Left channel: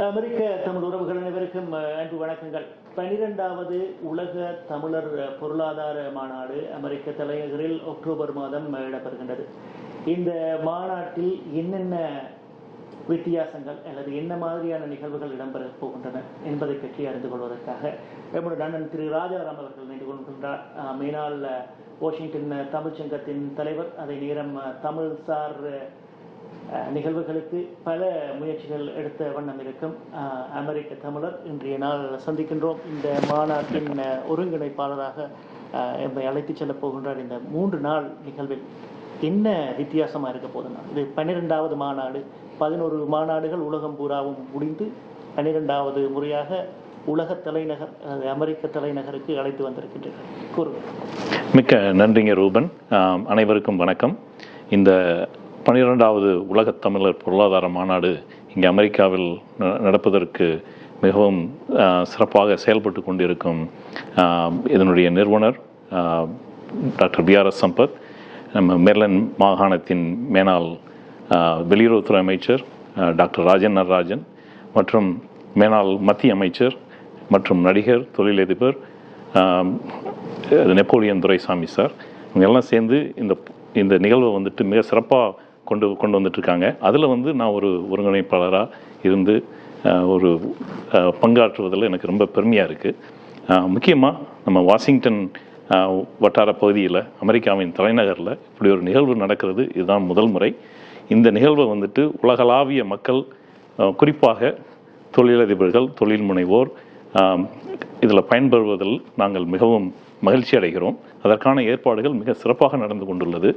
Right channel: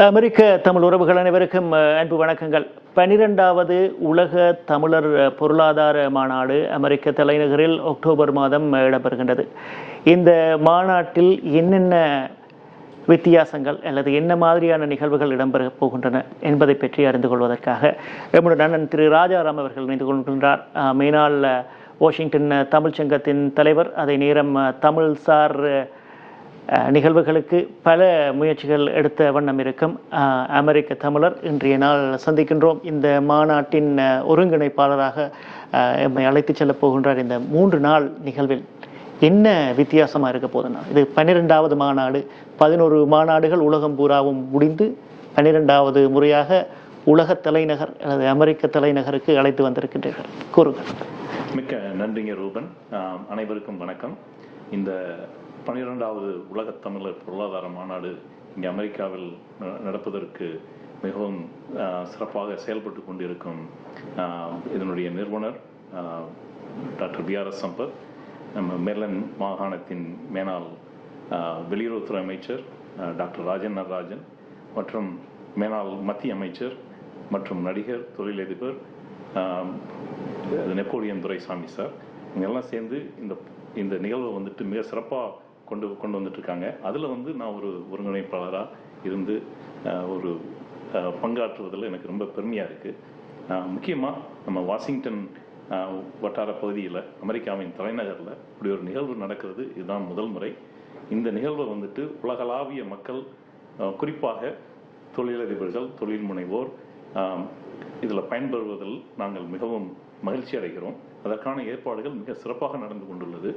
அமெரிக்க தமிழ் உறவுகள் அனைவருக்கும் அன்பு வணக்கங்கள். 12வது உலக தமிழர் பொருளாதார மாநாடு அமெரிக்க தலைநகரில் அக்டோபர் மாதம் இடம்பெறுகின்றது. இந்த மாநாட்டில் என்னென்ன வித்தியாசங்கள் அல்லது என்ன மாதிரியான நிகழ்வுகள் இடம்பெற போகின்றன என்பதை பற்றி அறிந்து கொள்வதற்காக நம்முடைய அண்ணன் திரு ராஜாராம் அவர்கள் இணைந்து கொள்கின்றார். மேனால் வாஷிங்டன் தமிழ்ச்சங்கத்தின் தலைவர், அதே நேரம் தமிழ்சார் நிகழ்வுகளுக்கு பல முயற்சிகள் எடுத்த வண்ணம் இருக்கும் அமெரிக்க தமிழர். இன்றைய நாள் சந்திக்கின்றோம். இந்த மாநாட்டின் ஒருங்கிணைப்பாளராக எம்மை அழைத்து செல்ல போகின்றார். இந்த 3 நாள் நிகழ்வில் என்ன வித்தியாசமாக இருக்க போதுன்னா, இது 12வது மாநாடு. 11 மாநாடுகள் உலகம் பூராவும் முடிந்து 12வது முறையாக உலக தலைநகர் அல்லது அமெரிக்க தலைநகருக்கு அழைத்து வந்திருக்கின்றீர்கள். கூறுங்கள். மிக்க நன்றிங்க ரூபன். அனைவருக்கும் வணக்கம். இந்த 12வது உலகத் தமிழர் பொருளாதார மாநாடு இங்கே அமெரிக்காவில் நடப்பதற்கு மிகவும் சிறப்பாக செயல்பட்டு கொண்டிருக்கும் இதனுடைய நிறுவனர் டாக்டர் பிஆர்எஸ் சம்பத், நம்ம மேர்லண்ட் மாகாணத்தின் மேனாள் வெளியுறவுத்துறை அமைச்சர் டாக்டர் ராஜன் நடராஜன் மற்றும் மேனாள் மத்திய அமைச்சர் மற்றும் நடிகர், தொழிலதிபர் நெப்போலியன் துரைசாமி சார், இவங்கெல்லாம் சேர்ந்து இந்த நிகழ்வை வந்துட்டு மிக சிறப்பாக கொண்டு வந்துட்டுருக்காங்க. அதில் நான் ஒரு ஒருங்கிணைப்பாளராக இருந்து ஒரு பங்காற்றுவதில் எனக்கு ரொம்ப பெருமையாக இருக்குது. முக்கியமாக நம்ம வாஷிங்டன் வட்டார பகுதியில் அமெரிக்காவின் தலைநகரில் இப்படி ஒரு நிகழ்வு நடக்கிறது, இதுதான் முதல் முறை. இந்த நிகழ்வை உலகளாவிய மக்கள், குறிப்பாக தொழிலதிபர்கள், தொழில் முனைவோர் இதில் பயன்பெறுவதில் நாங்கள் மிகவும் மகிழ்ச்சி அடைகிறோம். அதற்கான ஏற்பாடுகள் மிக சிறப்பாக நடந்து கொண்டுள்ளது.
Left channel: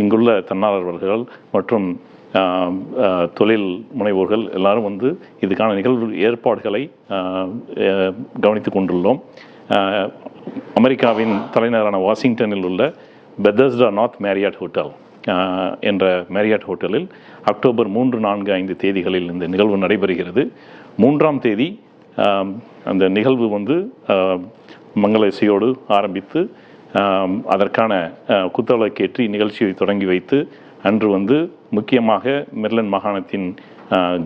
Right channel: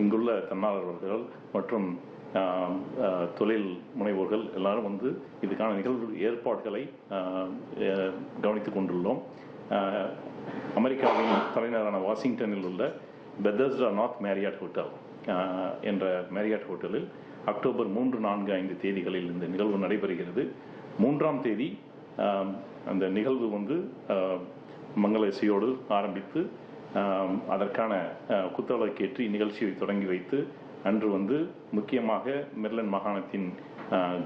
இங்குள்ள தன்னார்வலர்கள் மற்றும் தொழில் முனைவோர்கள் எல்லாரும் இதுக்கான நிகழ்வு ஏற்பாடுகளை கவனித்து கொண்டுள்ளோம். அமெரிக்காவின் தலைநகரான வாஷிங்டனில் உள்ள பெதஸ்டா நார்த் மேரியாட் ஹோட்டல் என்ற மேரியாட் ஹோட்டலில் அக்டோபர் 3, 4, 5 தேதிகளில் இந்த நிகழ்வு நடைபெறுகிறது. 3ஆம் தேதி அந்த நிகழ்வு மங்கள இசையோடு ஆரம்பித்து அதற்கான குத்தவிளக்கேற்றி நிகழ்ச்சியை தொடங்கி வைத்து அன்று முக்கியமாக மேர்லண்ட் மாகாணத்தின்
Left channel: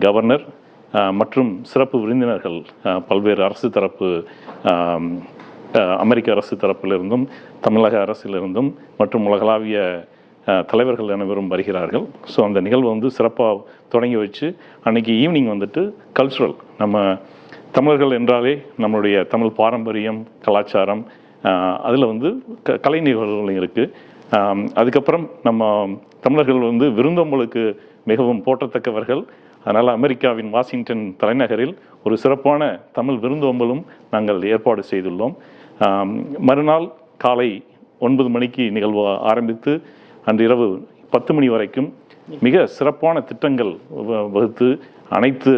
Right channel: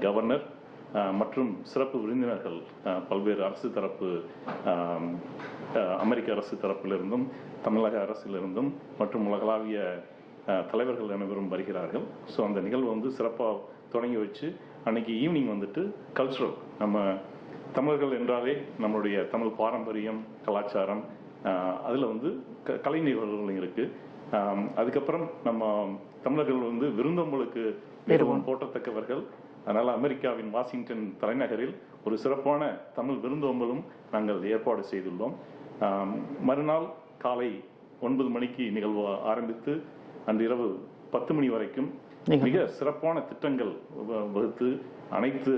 கவர்னர் மற்றும் சிறப்பு விருந்தினர்கள், பல்வேறு அரசு தரப்பு, அமெரிக்க அரசு தரப்பிலிருந்தும் தமிழக அரசிலிருந்தும் மற்றும் உலகளாவிய தலைவர்கள் அனைவரும் வருகிறார்கள். ஸோ அந்த நிகழ்வு சிறப்பாக தொடங்கி வச்சு அன்றைக்கி ஈவினிங் கல்ச்சுரல், நம்ம தமிழர்கள் என்றாலே நம்மளுடைய தமிழ் பாரம்பரியம், கலாச்சாரம், அதில் கலை நிகழ்வுகளும் இருக்குது. அதுக்கப்புறம் நம்ம தமிழர்கள் விருந்தோம்பலுக்கு மிகவும் போற்றத்தக்கவர்கள். அதனால் அமெரிக்காவின் வாஷிங்டன் தலைநகரில் ஒரு சிறப்பான தமிழ் விருந்தோம்பலும் நாங்கள் ஏற்பாடு செய்துள்ளோம். மறுநாள் காலை 9 மணிக்கு நிகழ்வு ஆரம்பித்து அன்று இரவு 10 மணி வரைக்கும் மிக சிறப்பான திட்டங்கள் வகுத்து அனைத்து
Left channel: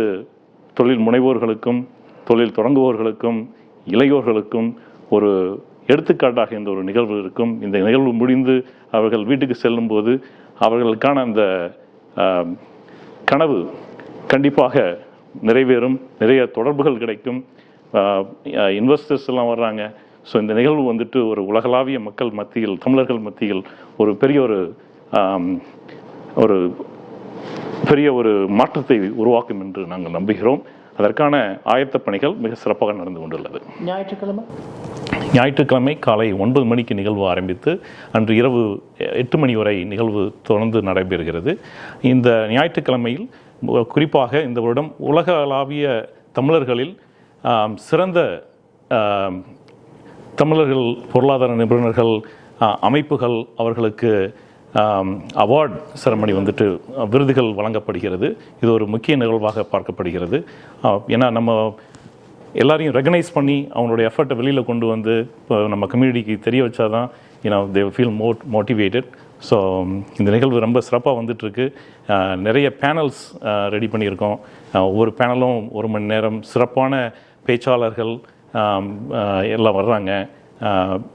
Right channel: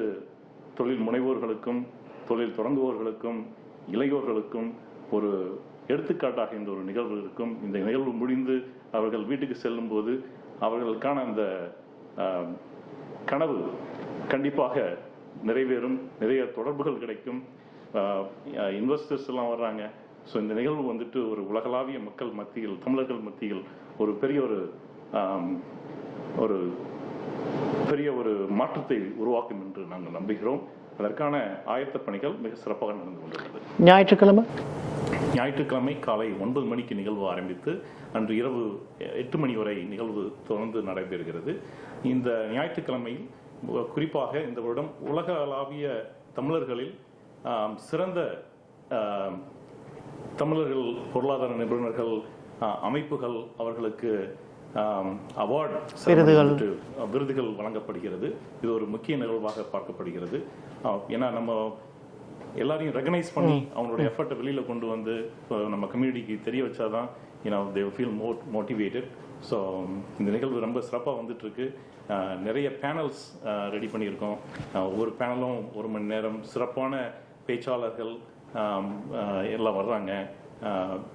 தொழில் முனைவோர்களுக்கும், தொழில் தொடங்குவோர்களுக்கும், இளையோர்களுக்கும் ஒரு எடுத்துக்காட்டாக இந்த ஒரு நிகழ்வு இருக்கும். இந்த நிகழ்வு முடிந்து அவர்கள் வீட்டுக்கு செல்லும்போது அவர்களுக்கான அந்த கனவு கண்டிப்பாக நிறைவேறும். நிறைய தொடர்புகள் கிடைக்கும். இன்வெஸ்டர்ஸ் எல்லாம் வர்றாங்க. ஸோ இந்த நிகழ்வு ஒரு உலகளாவிய மக்கள் மத்தியில், தமிழர்கள் மத்தியில் ஒரு பெரிய ஒரு மாற்றத்தை உருவாக்கும் என்று நாங்கள் நம்புகிறோம். அதற்கான ஆயத்த பணிகள் மிக சிறப்பாக நடந்து கொண்டுள்ளது. ஞாயிற்றுக்கிழமை காலை 9 மணிக்கு நிகழ்வு ஆரம்பித்து அன்று இரவு 8 மணி வரை நிகழ்வு தொடர்ந்து நடைபெறுகிறது. இந்த ஞாயிற்றுக்கிழமையில் குறிப்பாக இந்த வருடம் உலகளாவிய தமிழர்களில் சிறந்த தமிழர்கள் பொருளாதார நிபுணர்கள், அமைப்புகள், அவர்களுக்கு அவார்ட் செரமனி விருதுகள் வழங்கப்படுகிறது. இது ஒரு முக்கிய நிகழ்வாக பார்க்கப்படுகிறது. ஏன்னா நம்ம எல்லாரையும் ரெகனைஸ் பண்ணி அவங்களுடைய எஃபர்ட்டை வெளியில் கொண்டு இப்போ நம்ம கம்யூனிட்டிக்கு தெரிய வச்சாதான் தே ஃபீல் மோட்டிவேட்டட். ஸோ இந்த நிகழ்வு ரொம்ப சிறப்பாக வந்துட்டுருக்கு. நிறைய பேனல்ஸ் ரெடி பண்ணியிருக்கோம். ஒவ்வொரு பேனலும் 1 மணி நேரம், சிறப்பான பேச்சாளர்கள் எல்லாம் வர்றாங்க.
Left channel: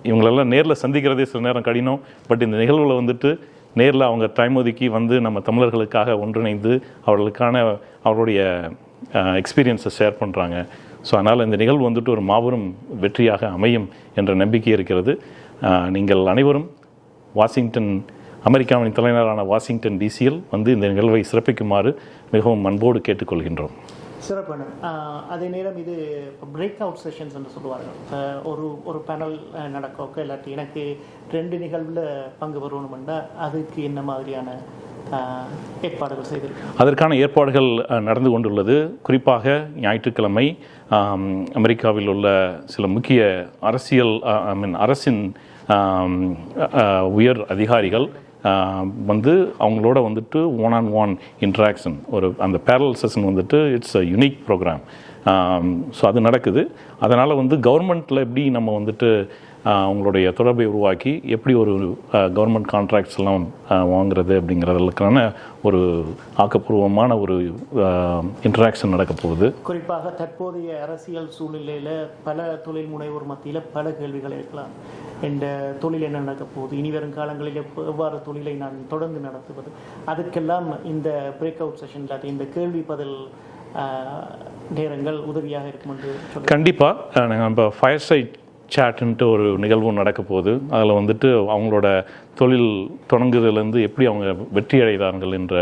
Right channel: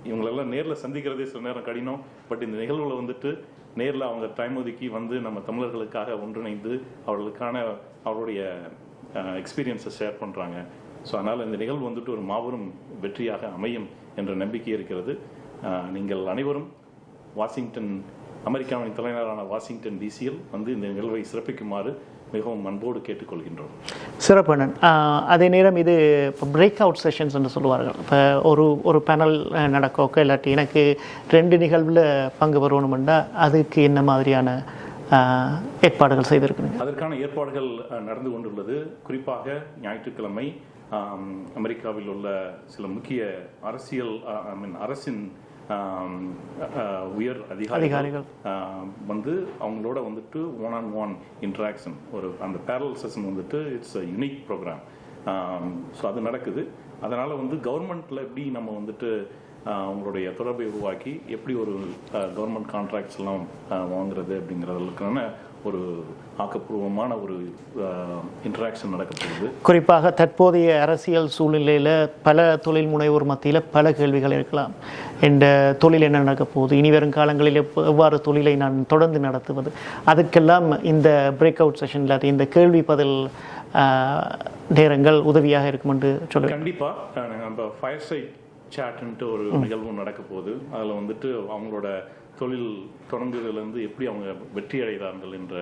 இவங்களெல்லாம் நேரில் சந்திக்கிறதே சில நேரம் கடினம். பட் இந்த நிகழ்வில் நேரில் அவங்க டைம் ஒதுக்கி நம்ம தமிழர்களுக்காக ஒன்றிணைந்து அவர்களுடைய எக்ஸ்பீரியன்ஸை ஷேர் பண்ணுறாங்க. ஸோ அதனால் இந்த நிகழ்வு ஒரு மாபெரும் வெற்றியாக அமையும் என்ற நம்பிக்கை இருக்கிறது. நீங்கள் அனைவரும் அமெரிக்காவின் தலைநகரான வாஷிங்டன் டிசியில் இந்த நிகழ்வை சிறப்பிக்குமாறு மிகவும் அன்போடு கேட்டுக்கொள்கின்றோம். சிறப்பண்ணன். அதே நேரம் இது இப்போ பிரேக் அவுட் செஷன்ஸ் என்று சொல்லுவார்கள். இப்போ ஒரு பேனல் நடக்கோக்க இல்லாட்டி எனக்கு 2 நிகழ்வில் பங்கு பெறணுமெண்டா அதுக்கு என்ன மாதிரியான ஏற்பாடுகள் செய்திருக்கு? அதற்கான ஏற்பாடுகள் நடந்து கொண்டுள்ளது. குறிப்பாக ஞாயிற்றுக்கிழமை அமெரிக்காவில் உள்ள சில முக்கிய அரசின் உயர் அதிகாரிகள் வந்து அவங்களோட வந்துட்டு 1-on-1 இன்ட்ராக்ஷன் அந்த பேரல் செஷன் வந்துட்டு it's a unique programme. So அது நடக்குது. அதனால் வந்து கவர்மெண்ட்டில் எப்படி நம்ம வந்துட்டு அவங்களுடைய தொடர்பை உருவாக்கி எப்படி ஒரு கவர்மெண்ட் கான்ட்ராக்ட்ஸ் எல்லாம் வாங்குறது அப்படிங்கிறதுக்கான ஒரு ஆக்கப்பூர்வமான ஒரு இன்ட்ராக்ஷன் நடக்க போகுது. குறிப்பாக தற்போதைய அரசியல் சூழ்நிலையில் பல தொழில் முனைவோர் மத்தியில் பல கேள்விகள் இருக்கலாம். இந்த தொழில் என்ன நடக்க போகுது, இனி வரும் காலங்களில் எவ்வாறு தொழிலை நான் தொடர்ந்து நடத்துவது, அதுக்கெல்லாம் இந்த பிரேக் அவுட் செஷன் இல்லாத இந்த கேள்வி பதில் நேரங்கள் உதவியாக இருக்கும் என்று சொல்ல. கண்டிப்பாக நம்ம ஃபயர் சைட் சேட்டுன்ட்டு ஒரு நிகழ்வு நடக்க போகுது. அதில் வந்துட்டு அவங்களோட தொழில் தொடங்குதலேருந்து எப்படி அவங்க வெற்றி அடைதார்கள் என்ற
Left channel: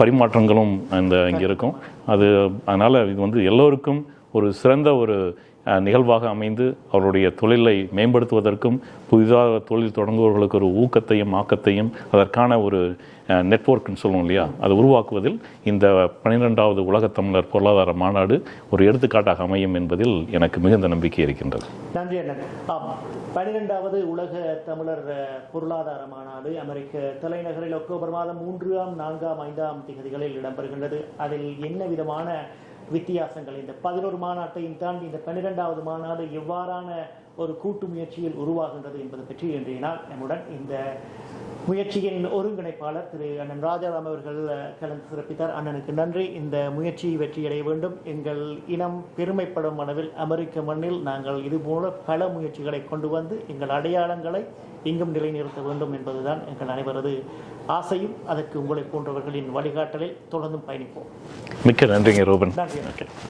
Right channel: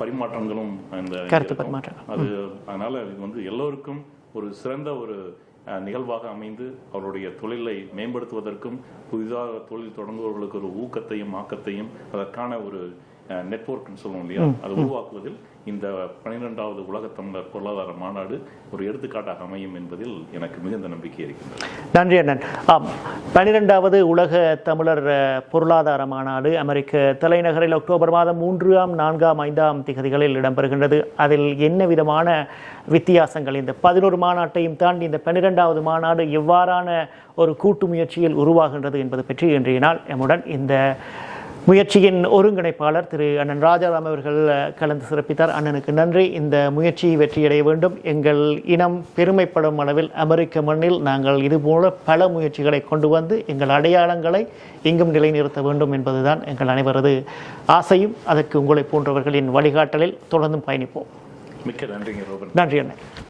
பரிமாற்றங்களும் இந்த இருக்கும். அதனால் இது வந்து எல்லோருக்கும் ஒரு சிறந்த ஒரு நிகழ்வாக அமைந்து அவருடைய தொழிலை மேம்படுத்துவதற்கும் புதிதாக தொழில் தொடங்குபவர்களுக்கு ஒரு ஊக்கத்தையும் ஆக்கத்தையும் அதற்கான ஒரு நெட்வொர்க்னு சொல்லுவோம் இல்லையா, அதை உருவாக்குவதில் இந்த 12வது உலகத் தமிழர் பொருளாதார மாநாடு ஒரு எடுத்துக்காட்டாக அமையும் என்பதில் எனக்கு மிகுந்த நம்பிக்கை இருக்கின்றது. நன்றி அண்ணன். 12வது உலக தமிழர் பொருளாதார மாநாடு அமெரிக்க தலைநகரில் அக்டோபர் மாதம் 3ஆம் 4ஆம் 5ஆம் திகதிகளில் இடம்பெறுகின்றது. அதில் என்ன விதமான வித்தியாசங்கள், இந்த 11 மாநாட்டையும் தாண்டி இந்த 12வது மாநாடு எவ்வாறான ஒரு கூட்டு முயற்சியில் உருவாகின்றது என்பது பற்றி இன்றைய நாள் எம்முடன் இந்த முயற்சியின் ஒருங்கிணைப்பாளர் திரு அண்ணன் ராஜாராம் அவர்கள் கலந்து சிறப்பித்தார். அண்ணனுக்கு நன்றி. இந்த முயற்சி வெற்றியடைய வேண்டும். எங்கள் இனம் பெருமைப்படும் அளவில் அமெரிக்க மண்ணில் நாங்கள் இதுபோல பல முயற்சிகளை கொண்டு வந்து எங்கள் அடையாளங்களை எங்கும் நிலைநிறுத்த வேண்டும் என்பதுதான் எங்கள் அனைவரது ஆசையும். அதற்கு உங்களை போன்றவர்களின் வழிகாட்டலில் தொடர்ந்தும் பயணிப்போம். மிக்க நன்றிங்க ரூபன். நன்றி.